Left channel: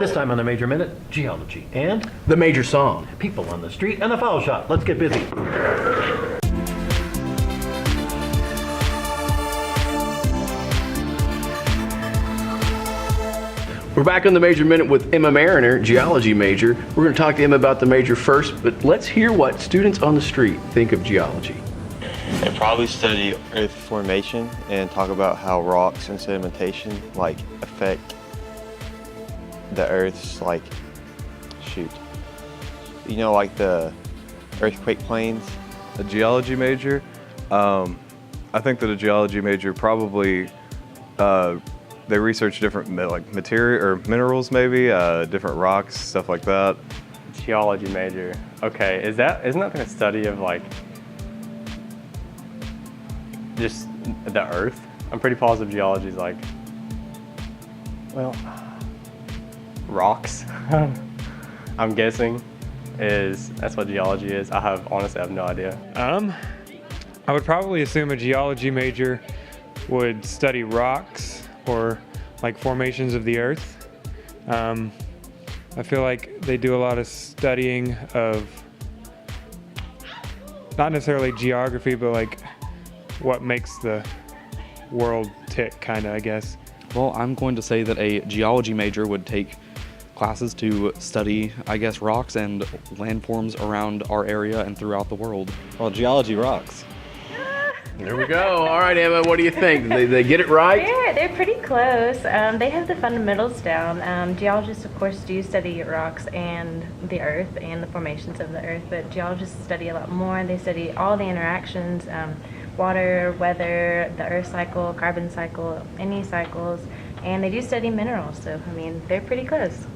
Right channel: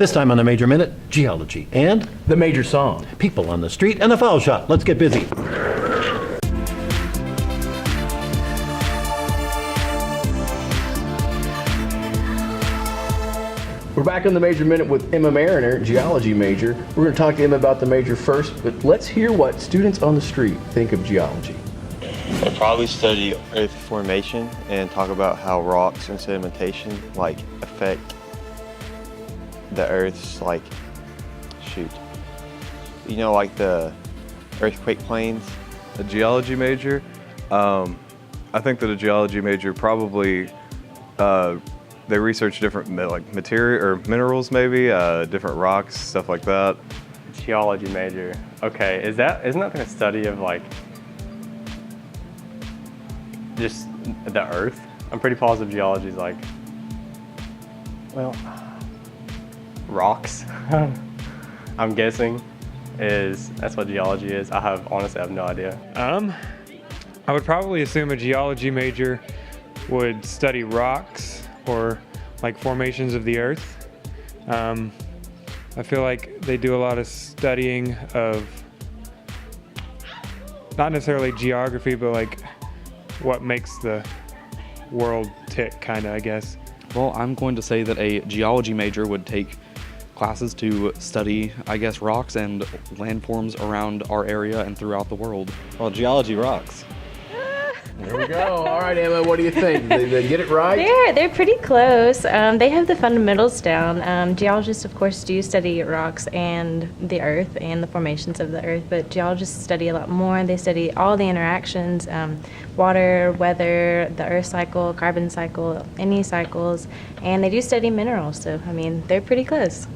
This time on the Major Minute, geology and The Major Song. people on the street and the foul shot. Let's get busy. We're back on the Major Minute with Emma Mariner, geology major. We're going to talk to Emma about the major first, but let's hear what students on the street think of geology. They probably study earth formation and talk about how rocks and sedimentation affect the earth's the earthquake plains. A geology major, I think that a geology major probably they research different material or minerals, maybe different rocks, stuff like that. Geology major. Okay, isn't that like a study of just the earth? I'm pretty positive geology is rocks. I'm guessing that's what geology is. Honestly have no idea. I would probably assume a geology major would study rocks or formations of the earth. I feel like they do a lot of studying of not necessarily geography, but what makes the world tick, I guess. Well, I'm going to say that a geology major would take classes to study, rocks and landforms around our area and throughout the world. Well, geology rocks. There we go. All right, Emma, what do you think? They get it right? They're pretty close. They have the fundamentals down. Geologists, of course, do study rocks and the earth and the formations of the earth, but geologists study a lot more. They study all the interactions, water, weather, the earth cycle, carbon cycle, any cycles, and they do study minerals, so, they're pretty close.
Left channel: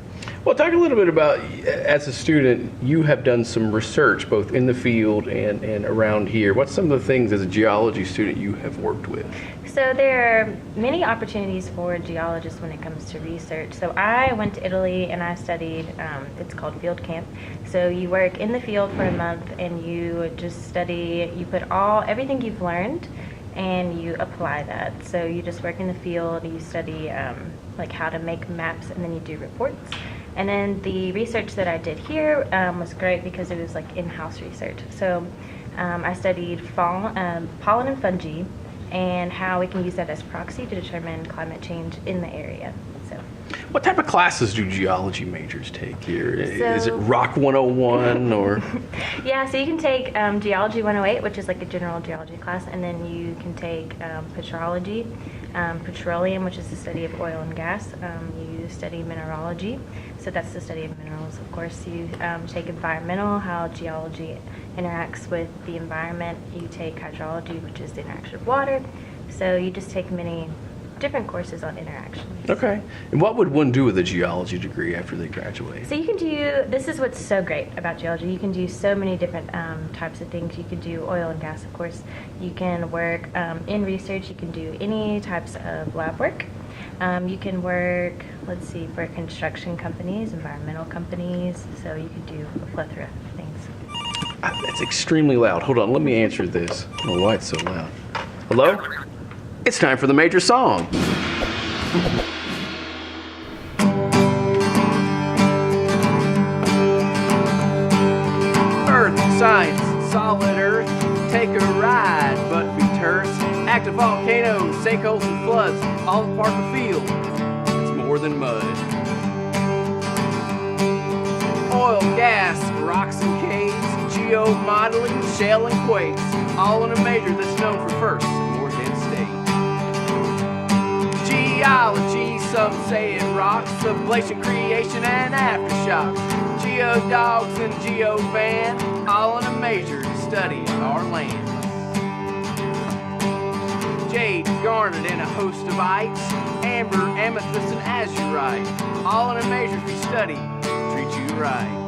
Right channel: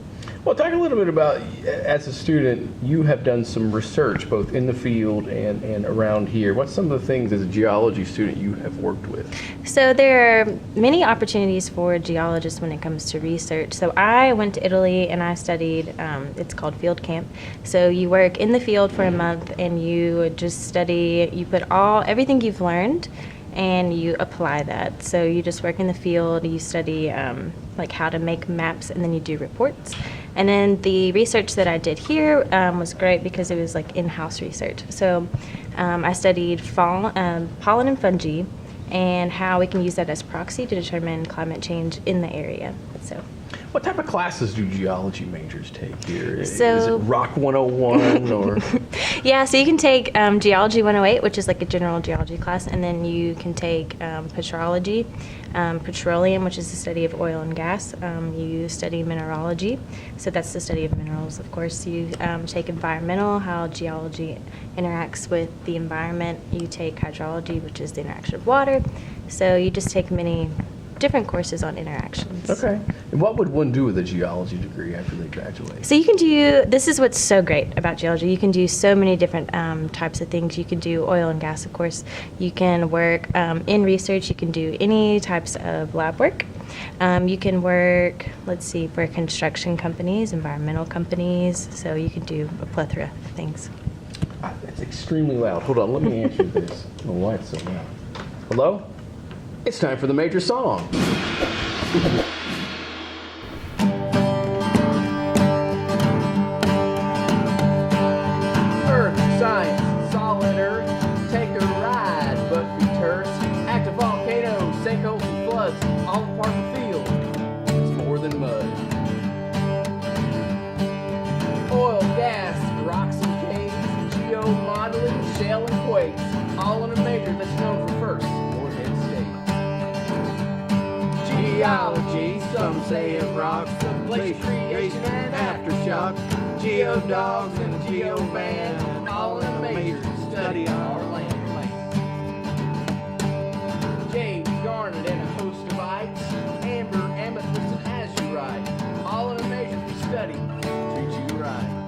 Well, talk a little bit about, as a student, you have done some research both in the field and around here. What's some of the things as a geology student you have worked with? So there are many opportunities for geologists when it comes to research. So I went to Italy and I studied, it's called field camp. So you work in the field for a month and you just study, you put everything you've learned and you apply that. So you just work in the field, you study how to make maps, and then you do reports. And then the research that I did here was great because it was in-house research. So I studied pollen and fungi and how we can use that as proxy to determine climate change in the area. So. What type of classes do geology majors take here? Is it So- Rock 101 or? Yeah, so you can take Geology 108, which is a general geology class, and then you can take petrology, petroleum, which is the study of oil and gas. You study mineralogy, so that's the study of minerals. Of course, you take environmental, how geology interacts with the environment. You take hydrology, which is the interaction of water. So you just take many different courses on interactions. Okay. And what would one do with a geology degree after they graduate? So you can this is what's so great about geology. You can do so many different types of things. You can do oil and gas, of course. You can work in research. You can do any types of lab work. You can work, for construction companies, environmental companies. So you can do a plethora of things. That's extremely loud. Hold on, let me answer this. I don't know why it's so loud. Hello? It's time for the Major Song. Earth, science, solid earth, take a ride, but be terse. Active volcanoes, sinkholes and floods, all part of the field. It's more than mud. Oil, gas, rocks and caves, geomodeling, shale and quakes, all in a major that's known for first and more dead state. Geology, some say it rocks, ablation, creation, and aftershocks. Geodogs and geovan, all in a major study our land. Jade, garnet, and a host of ites, amber, amethyst, and azurite, all in a major we study, treat you right.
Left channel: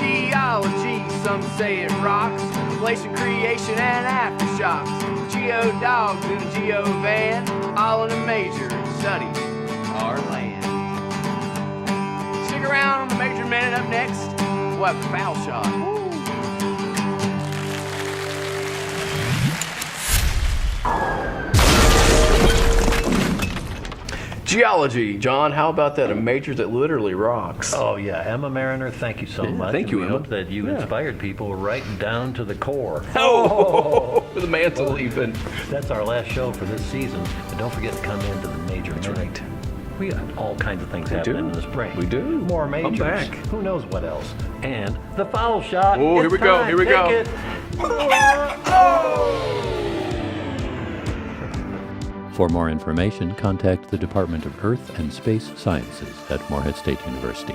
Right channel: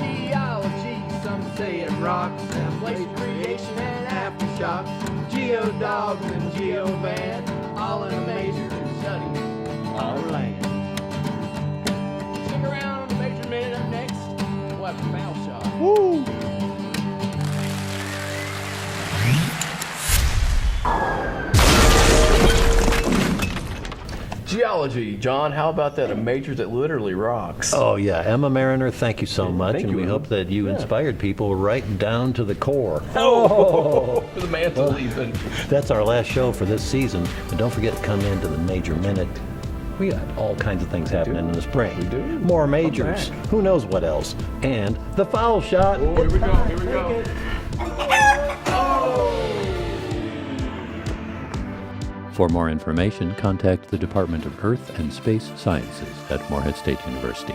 Geology, some say it rocks, inflation, creation, and aftershocks. Geodogs and geovan, all in a major study our land. Stick around on the Major Minute. Up next, we'll have the foul shot. Woo! Geology, John, how about that? A major that literally rocks. Oh, yeah. Emma Mariner, thank you so much. thank and you, we Emma. hope that you Yeah. inspired people right down to the core. Oh, the mantle leaping. That's our last show for this season. And don't forget to come into the Major Minute. We got all kinds of things happening in the spring. We do. More majors. back. Who knows what else? And the foul shot. Oh, here It's we go, time. here we Take go. it. For more information, contact the Department of Earth and Space Sciences at Morehead State University.